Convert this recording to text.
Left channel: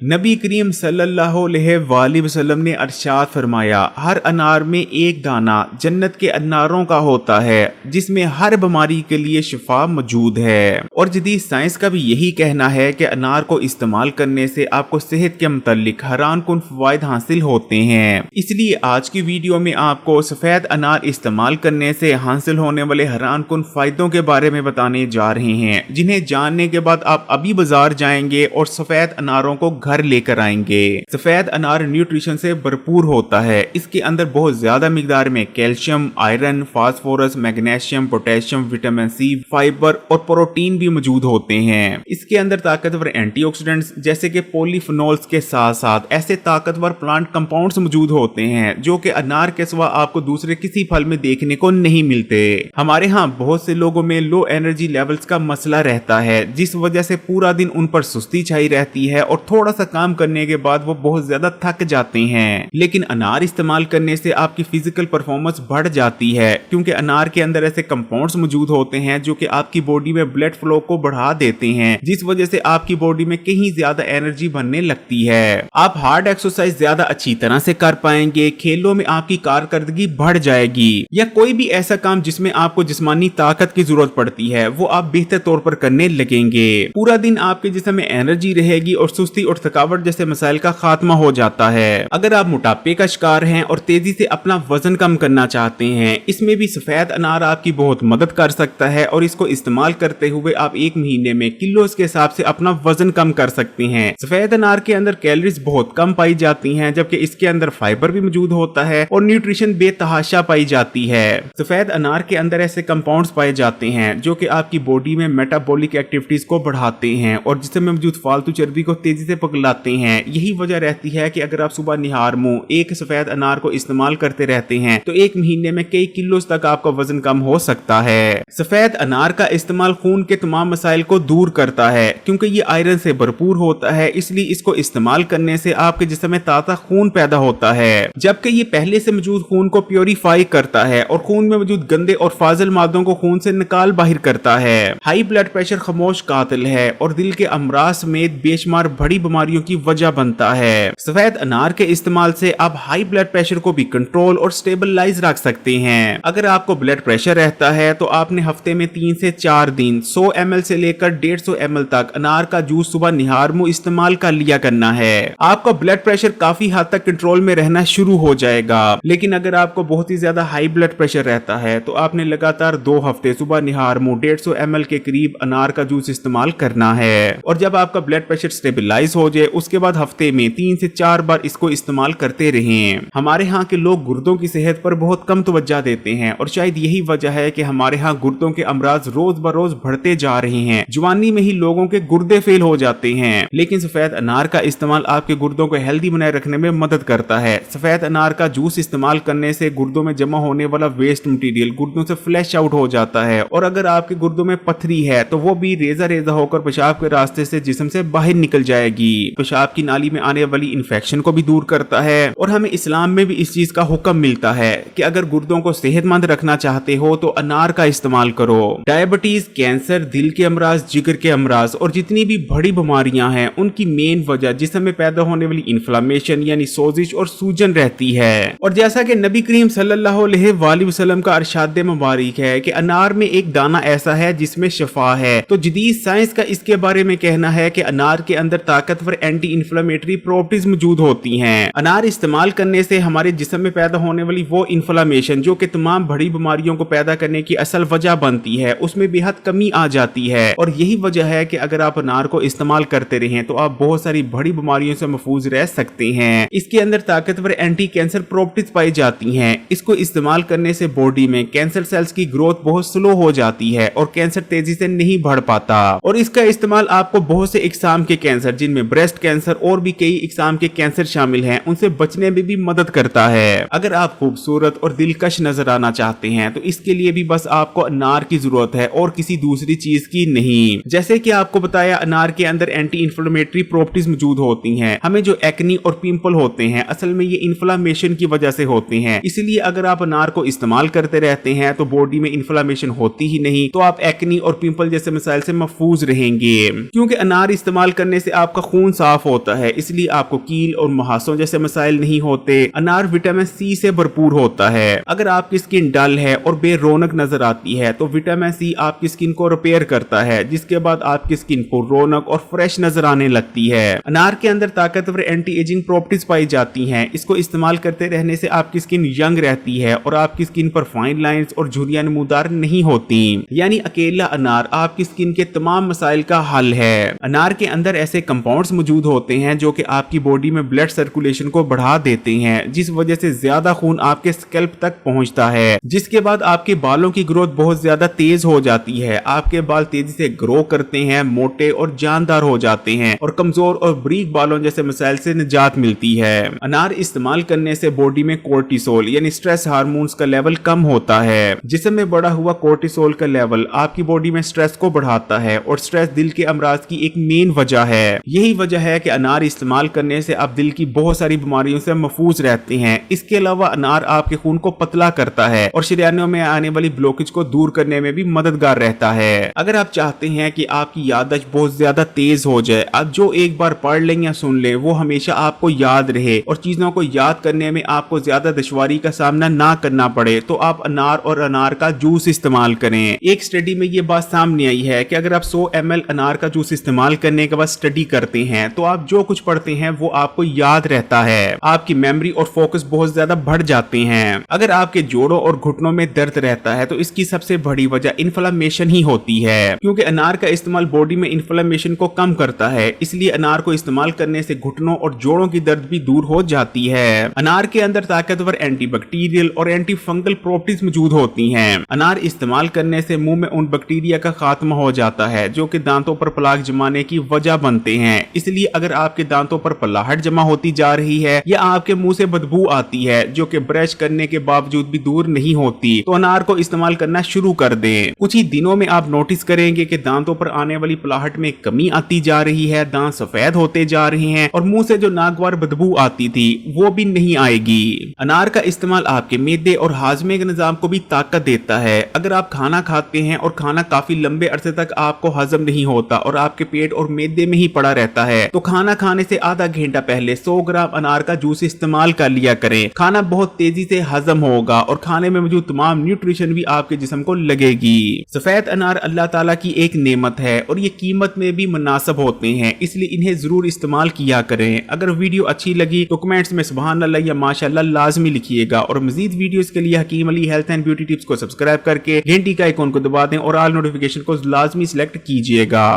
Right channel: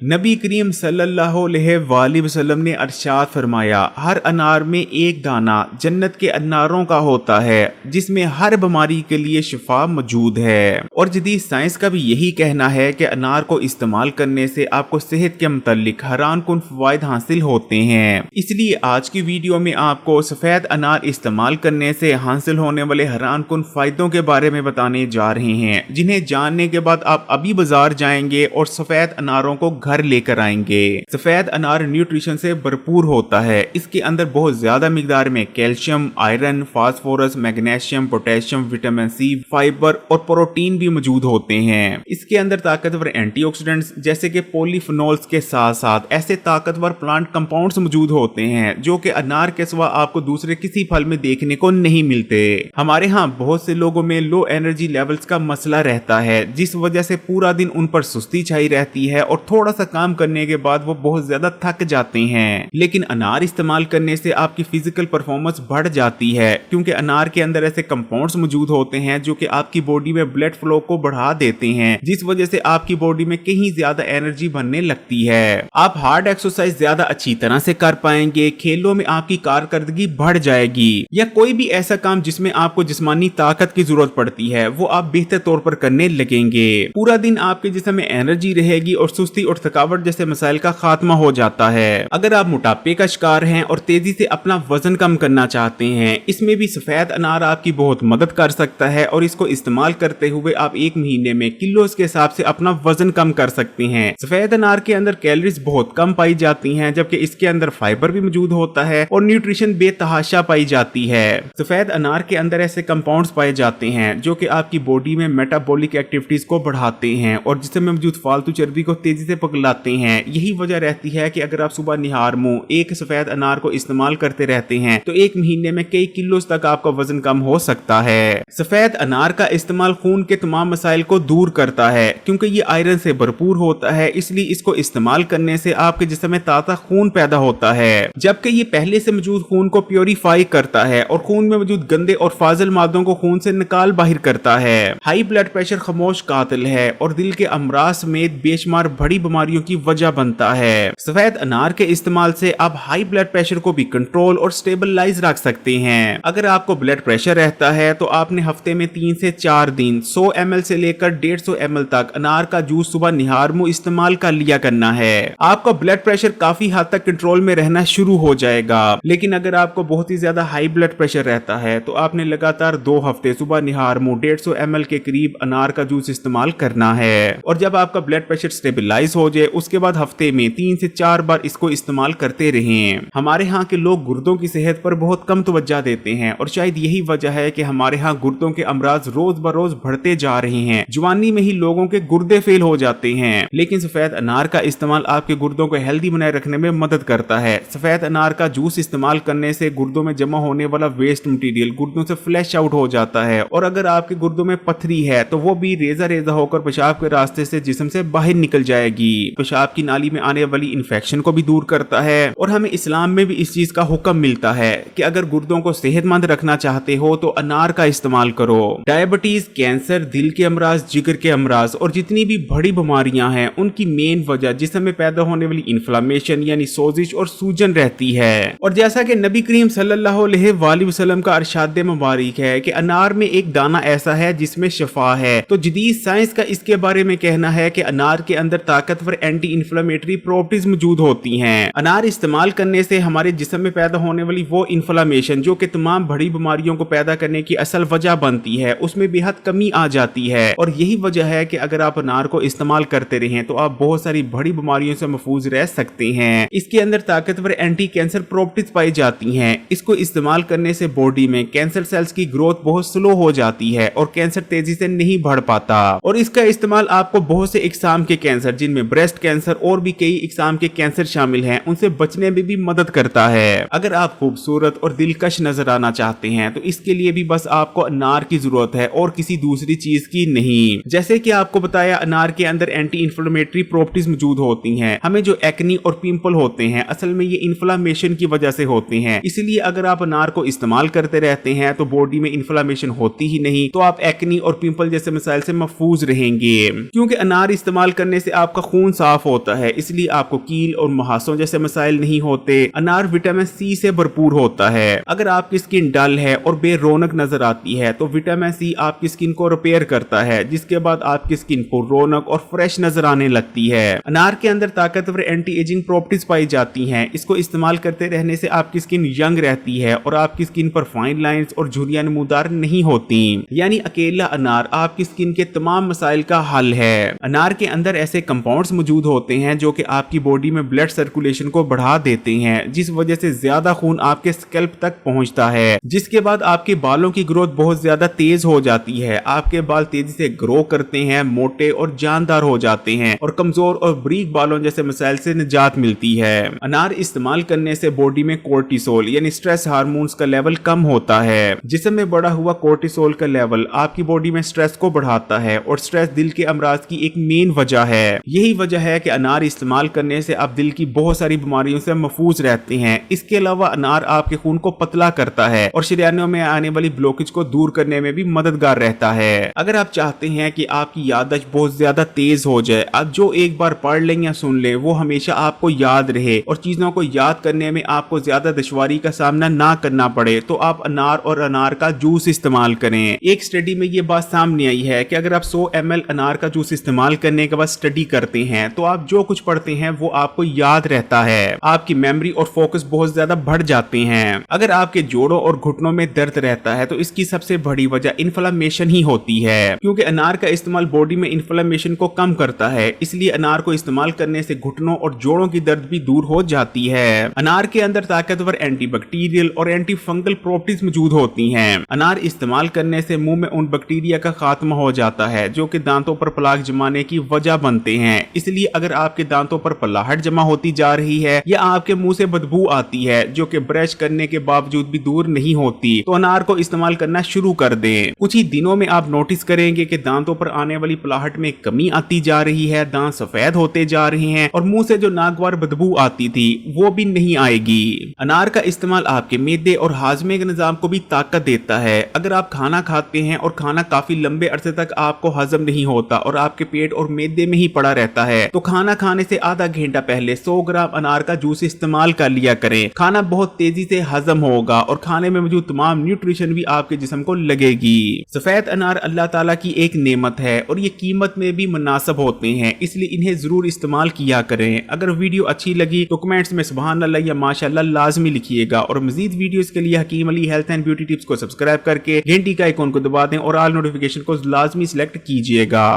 नबी करीम सल्लल्लाहु अलैहि वसल्लम ने अरशाद फरमाया, हर अनार में एक दाना जन्नत के अनारों का होता है जिसमें हर बीमारी के लिए शिफा मौजूद है। और जदीद साइंस का भी यही कहना है कि अनार को इस्तेमाल करने से आपको सेहत के मुतालिक हैरान कुन फवायद हासिल होते हैं। इसलिए आज की वीडियो में आपको सफ़ेद अनार इस्तेमाल करने से हासिल होने वाले हैरान कुन फायदों के बारे में बताने जा रहे हैं, जिन्हें जानने के बाद आप अभी बाजार जाएंगे और सफ़ेद अनारों को घर लेकर आएंगे। सफेद अनार न्यूट्रिशन से भरपूर होता है। इसके अंदर बहुत ज्यादा मिकदार में calcium, iron, phosphorus, magnesium, potassium, vitamin C, fibre और प्रोटीन भी मौजूद होते हैं। इसके अंदर ताकतवर एंटीऑक्सीडेंट्स जैसे कि पॉलीफिनोल्स के साथ साथ ऐसे ताकतवर प्लांट कंपाउंड्स मौजूद होते हैं जो कि अनार के सिवा आपको दूसरे किसी फल में देखने को नहीं मिलते। हमारे यहाँ बहुत से लोगों में लो एनर्जी लेवल्स का मसला रहता है, जिस वजह से पूरा दिन उन पर सुस्ती छाई रहती है और थोड़ा सा काम करने के बाद वो बहुत ज्यादा थक जाते हैं। लेकिन अनार इस्तेमाल करने से आपकी फिजिकल परफॉर्मेंस बढ़ जाती है, क्योंकि अनार के अंदर ऐसे कंपाउंड्स मौजूद होते हैं जो कि आपकी बॉडी में ब्लड फ्लो को बढ़ा देते हैं, जिस वजह से आपकी बॉडी में कहीं ज्यादा एनर्जी बनने लगती है। आप हार्ड एक्सरसाइज ज्यादा अच्छी तरह से कर पाएंगे, खेलों में आपकी कारकर्दगी बढ़ जाएगी, या कोई भी ऐसा काम जिसमें आपको जिस्मानी ताकत की जरूरत पड़ती है वो आप बेहतर तौर पर करने लगेंगे। पूरा दिन आपके जिस्म में एनर्जी रहेगी और सुस्ती और थकावट जैसे मसाइल का खात्मा हो जाता है। अगर आप मोटापे का शिकार हैं और तेजी से अपना वजन कम करना चाहते हैं, इसमें भी सफेद अनार आपकी बहुत मदद कर सकता है और इसको इस्तेमाल करते हुए आप एक महीने में किलोस के हिसाब से अपना वजन कम कर सकते हैं। सफेद अनार के अंदर कैलोरीज बहुत कम पाई जाती हैं, जबकि इसके अंदर फाइबर भी मौजूद होता है और न्यूट्रिशन बेतहाशा पाई जाती है। सफेद अनार के अंदर ऐसे कंपाउंड्स पाए जाते हैं जो कि आपकी बॉडी में मेटाबॉलिक एक्टिविटीज को बढ़ाते हैं और जिसमें मौजूद फालतू चर्बी को तेजी से पगलाते हैं। यही वजह रहती है कि अगर आप सुबह निहार मुंह एक सफेद अनार को इस्तेमाल करते रहते हैं तो एक महीने में कई किलो तक आपका वजन कम हो सकता है। सफेद अनार का इस्तेमाल खून के तमाम मसाइल को दूर करता है, क्योंकि ये आयरन से भरपूर होता है। इसलिए इसको इस्तेमाल करने से आपके जिस्म में ताजा खून पैदा होता है, जबकि ये पहले से मौजूद खून को प्योरीफाई करता है और खून में मौजूद गंदे और फाजिल मादों को खून से निकाल बाहर करता है। हाई ब्लड प्रेशर खामोश कातिल है और दिल के अमराज समेत बेशुमार बड़ी बीमारियों की वजह बनता है। सफेद अनार के इस्तेमाल से आप हाई ब्लड प्रेशर को भी कंट्रोल और स्टेबलाइज रख सकते हैं। अगर आपको ब्लड प्रेशर रहता है तो आपने हफ्ते में 3 से 4 दिन 100 ml से लेकर 150 ml तक अनार का जूस सुबह निहार मुंह इस्तेमाल कर लिया करना है। आपका ब्लड प्रेशर काफी हद तक कंट्रोल में रहना शुरू हो जाएगा। लेकिन अगर आपको बहुत ही ज्यादा हाई ब्लड प्रेशर रहता है तो आपने लगातार 2 हफ्ते सुबह निहार मुंह 150 ml के करीब अनार का जूस इस्तेमाल करना है। और जब आपका ब्लड प्रेशर स्टेबलाइज हो जाए उसके बाद हफ्ते में 3 से 4 बार इसको इस्तेमाल करते रहें। हमारे यहाँ के लोग गुर्दों की सेहत पर बहुत कम तवज्जो देते हैं और शायद यही वजह है कि हमारे यहाँ गुर्दों के अमराज रोज बरोज बढ़ते जा रहे हैं। जवानी में ही लोगों के गुर्दे फेल हो जाते हैं। लेकिन सफेद अनार का इस्तेमाल आपके गुर्दों को हेल्दी बनाए रखने में मदद करता है। सफेद अनार का जूस इस्तेमाल करने से गुर्दों में जमा होने वाला वेस्ट मटीरियल गुर्दों से फ्लैश आउट हो जाता है और अगर आपके गुर्दों में पथरी है तो वो भी रेजा रेजा होकर पेशाब के रास्ते से जिस्म से बाहर निकल जाएगी। पेशाब की नाली में आने वाली इन्फेक्शन को भी दूर करता है। और हमें इस्लाम में भी इस चीज का हुक्म मिलता है कि अगर गुर्दों को सेहतमंद रखना चाहते हो तो अनार का इस्तेमाल करो। डायबिटीज, कैंसर, दिल के अमराज, जिगर के अमराज और जितनी भी बड़ी बीमारियां हैं उनकी मेन वजह जिस्म में पैदा होने वाली इन्फ्लेमेशन यानी सोजिश और सूजन रहती है। और जैसा कि नबी करीम सल्लल्लाहु अलैहि वसल्लम का इरशाद मुबारक है कि अनार में एक दाना ऐसा है जिसमें शफा है, तो जदीद साइंस का इसके बारे में कहना है कि अनार के अंदर ताकतवर एंटी इन्फ्लेमेटरी प्रॉपर्टीज मौजूद होती हैं। अनार इस्तेमाल करने से हमारे जिस्म में पैदा होने वाली वो इन्फ्लेमेशन जो कि तमाम बड़ी बीमारियों को पैदा करने की असल वजह बनती है उसमें बेहद कमी आ जाती है। और यही वजह है कि अगर आप अनार को इस्तेमाल करते रहें तो आप बहुत सारी बड़ी बीमारियों से महफूज रह सकते हैं। इसके अंदर ताकतवर एंटी कैंसर प्रॉपर्टीज पाई जाती हैं। इसको इस्तेमाल करने से बॉडी में कैंसर सेल्स की ग्रोथ बहुत स्लो हो जाती है और कैंसर तेजी से नहीं बढ़ पाता। और इसका इस्तेमाल आपको बहुत से इकसाम के कैंसर जिनमें ब्रेस्ट कैंसर और भी कई इकसाम के कैंसर शामिल हैं उनसे बचने में भी मदद करता है। अगर आप खूबसूरत और दिलकश नजर आना चाहते हैं तो इसके लिए भी बस आपको अनार की जरूरत है और किसी दूसरी चीज की नहीं। जैसे कि आपको बताया अनार के अंदर एंटी इन्फ्लेमेटरी प्रॉपर्टीज मौजूद होती हैं। हमें जो एक्नी और पिंपल होते हैं असल में ये इन्फ्लेमेशन की वजह से होते हैं। इसलिए अगर आप अनार को इस्तेमाल करते रहते हैं तो बॉडी में इन्फ्लेमेशन होती ही नहीं, तो आप एक्नी और पिंपल जैसे मसाइल से महफूज रहेंगे। क्योंकि अनार इस्तेमाल करने से आपका खून خون صاف ہوتا ہے، اس لیے آپ کو کیل اور محاسوں جیسے مسائل نہیں ہوتے۔ انار وٹامن سی سے بھرپور ہوتا ہے۔ اگر آپ کی سکن ڈل ہے اور بے رونق نظر آتی ہے تو وٹامن سی آپ کی سکن کو ریپیئر کرتا ہے، جس کے بعد آپ کی سکن پر رونق اور فریش نظر آنے لگتی ہے۔ انار کے اندر طاقتور اینٹی ایجنگ پراپرٹیز پائی جاتی ہیں۔ اس کو استعمال کرتے رہنے سے آپ کی سکن ینگ رہتی ہے اور آپ کی سکن پر فائن لائنز اور جھریاں نمودار نہیں ہوتی، یعنی اکیلا انار آپ کی سکن کے تمام مسائل کا حل ہے۔ انار کے اندر ایسے کمپاؤنڈز موجود ہوتے ہیں جو کہ آپ کی باڈی میں بلڈ سرکولیشن کو بڑھا دیتے ہیں، جس وجہ سے زیادہ خون آپ کے اسکیلپ تک پہنچتا ہے، جس کے بعد آپ کے بالوں کی گروتھ بہت زیادہ تیز ہو جاتی ہے۔ آپ کے بال تیزی سے گرو کرتے ہیں، موٹے اور جاندار ہو جاتے ہیں اور کمزور اور بریک بالوں جیسے مسائل سے نجات ملتی ہے۔ انار استعمال کرنے سے باڈی میں کورٹیسول یعنی سٹریس ہارمونز کا لیول کم ہوتا ہے۔ جسم میں بڑھا ہوا کورٹیسول کا لیول آپ کی باڈی میں سٹریس کو بڑھاتا ہے اور سٹریس دل کے امراض کی ایک مین وجہ ہے۔ یہی وجہ ہے کہ انار استعمال کرنے سے آپ دل کی بہت ساری بیماریوں سے محفوظ رہتے ہیں۔ اس کے علاوہ انار آپ کے خون کو پتلا کرتا ہے اور شریانوں میں آنے والی بلوکیج کو دور کرنے میں بھی مددگار رہتا ہے۔ اگر آپ چاہتے ہیں کہ آپ کی یادداشت بہت زیادہ تیز ہو جائے، آپ جو ایک بار پڑھ لیں یا سن لیں وہ ہمیشہ آپ کو یاد رہے اور چیزوں کو یاد کرنے میں آپ کو زیادہ دشواری کا سامنا نہ کرنا پڑے، تو آپ انار اور انار کا جوس استعمال کریں۔ ایک اسٹڈی میں یہ بات سامنے آئی ہے کہ اگر آپ 100 ml انار کا جوس استعمال کرنے کے بعد اسٹڈی کرتے ہیں تو آپ جو کچھ پڑھتے ہیں وہ آپ کو یاد رہتا ہے، آپ کی میموری اور فوکس بہت زیادہ بڑھ جاتے ہیں۔ اگر آپ کے جوڑوں اور گھٹنوں میں درد رہتا ہے تو اس کی سب سے بڑی وجہ انفلاممیشن ہی ہوتی ہے، کیونکہ انار کا استعمال باڈی میں انفلاممیشن کو کم کرتا ہے، اس لیے انار کو استعمال کرنے سے گھٹنوں اور جوڑوں کی درد بھی دور ہو جاتی ہے۔ انار کے اندر طاقتور اینٹی بیکٹیریل اور اینٹی فنگل پراپرٹیز موجود ہوتی ہیں۔ انار استعمال کرنے سے منہ میں ان بیکٹیریا کا خاتمہ ہو جاتا ہے جو کہ دانتوں پر پلاک جمانے کی وجہ بنتے ہیں، اس لیے اگر آپ کے دانتوں پر پلاہٹ جمع ہوتی جا رہی ہے یا آپ کے منہ سے بدبو آتی ہے جو کہ برش کرنے کے باوجود بھی دور نہیں ہوتی، تو انار کو استعمال کرنا شروع کر دیں۔ کچھ ہی دنوں میں آپ نوٹس کریں گے کہ دانتوں پر آنے والی پلاہٹ میں کمی آتی جا رہی ہے، دانت سفید ہوتے جا رہے ہیں اور منہ سے جو ناگوار بدبو آتی تھی وہ بھی نہیں آئے گی۔ انار کا استعمال آپ کے معدے اور ہاضمے کے نظام کو بھی طاقت دیتا ہے۔ اگر آپ کھانا کھاتے ہیں اور کھانا کافی لمبے عرصے تک آپ کو ہضم نہیں ہوتا اور آپ کے پیٹ اور معدے میں ہی پڑا رہتا ہے تو کھانا کھانے سے آدھا گھنٹہ پہلے 100 گرام انار کا جوس استعمال کر لیا کریں۔ کھانا بہت تیزی سے ہضم ہوگا اور کھانے میں موجود تمام نیوٹریشن بھی آپ کے جسم کو لگے گی۔ سفید انار اللہ تعالیٰ کی ایک نعمت ہے اور یہ قیمت میں بھی مناسب ہوتے ہیں، اس لیے انہیں ضرور استعمال کیا کریں۔ اگر ویڈیو اچھی لگی تو کمنٹس میں سبحان اللہ یا ماشاءاللہ لازمی لکھیے گا، اور مزید ویڈیوز کے لیے حکیم علی ہیلتھ اینڈ بیوٹی ٹپس کو سبسکرائب کر کے گھنٹی کا آئیکن کو دبا دیں اور آل نوٹیفیکیشن کو لازمی سلیکٹ کیجیے گا۔